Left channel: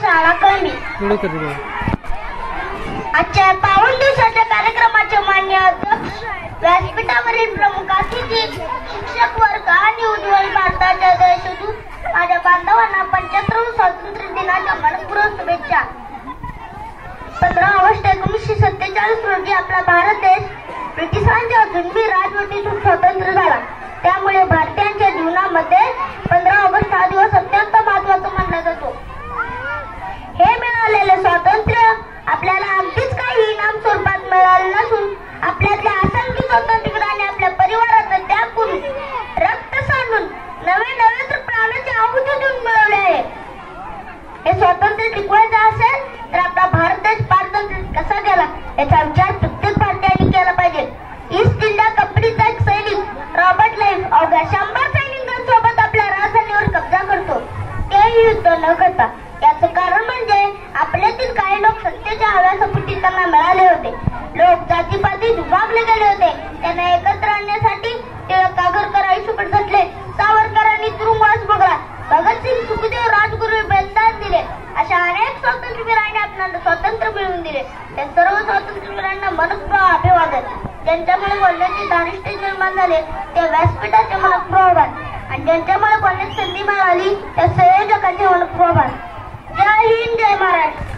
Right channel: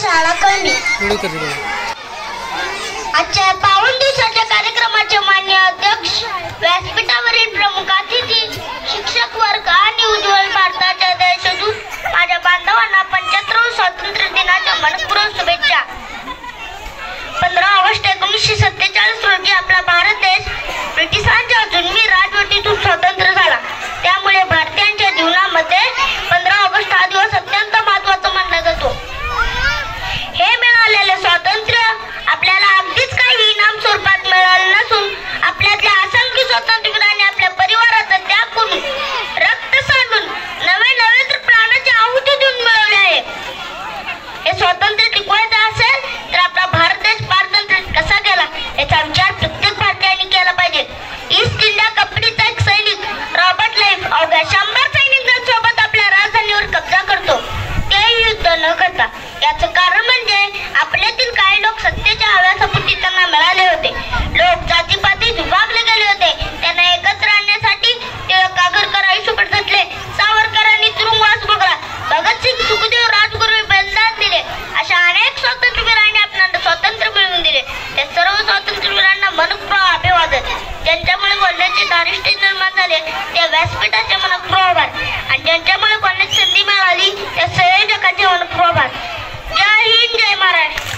शाळा कळली। आजच्या पावन दिवसाच्या कार्यक्रमाचे मान्य अध्यक्ष, व्यासपीठावरील प्रमुख अतिथी, शिक्षक वर्ग आणि उज्ज्वल भारताच्या देशदूत माझ्या बांधवांना 75व्या स्वातंत्र्य दिनाच्या मनपूर्वक शुभेच्छा। 15 ऑगस्ट 1947 रोजी आपला भारत देश ब्रिटिशांच्या जुलमी राजवटीतून स्वतंत्र झाला। त्यामुळे भारतीयांच्या जीवनामध्ये 15 ऑगस्ट हा दिवस अत्यंत महत्त्वाचा मानला जातो। हे मिळालेले स्वातंत्र्य आपल्याला अगदीच काही इनाम स्वरूपात मिळाले नसून आपल्यातल्या असंख्य स्वातंत्र्यवीरांनी आपल्या परिवाराचा त्याग करून, रक्त सांडून, नवे तर प्राणाची आहुती देऊन मिळवले आहे। हे स्वातंत्र्य टिकवायचं असेल तर आपला भारत देश पारतंत्र्यात कसा गेला याचा विचार प्रत्येक भारतीयांनी केला पाहिजे। ईस्ट इंडिया कंपनीचा एक सैनिक रॉबर्ट क्लाइव्ह अवघ्या 100 सैनिकांसोबत आपल्या राजधानीवर कब्जा करतो, तेही युद्ध न करता। याचं कारण म्हणजे आपल्यातील काही लोक सत्तेच्या हव्यासपोटी त्यांना मिळाले होते। लोक जातीपातीत विभागले गेले होते। त्यांना एकत्र आणण्यासाठी टिळक आगरकर आयुष्यभर झटले। सावरकरांनी तुरुंगवास भोगला। भगतसिंग, सुखदेव, राजगुरू बलिदान दिले। अशा अनेक स्वातंत्र्यवीरांनी आपल्याला स्वातंत्र्य मिळवून दिले। त्या सर्व स्वातंत्र्यवीरांना मनपूर्वक अभिवादन। ज्यांच्यामुळे बोलण्याचे धारिष्ठ्य निर्माण झाले त्या व्यासपीठाचे मनपूर्वक आभार, आणि ज्यांच्यामुळे बोलण्याची संधी मिळाली त्या संयोजकांचे मनपूर्वक आभार। जय हिंद, जय महाराष्ट्र।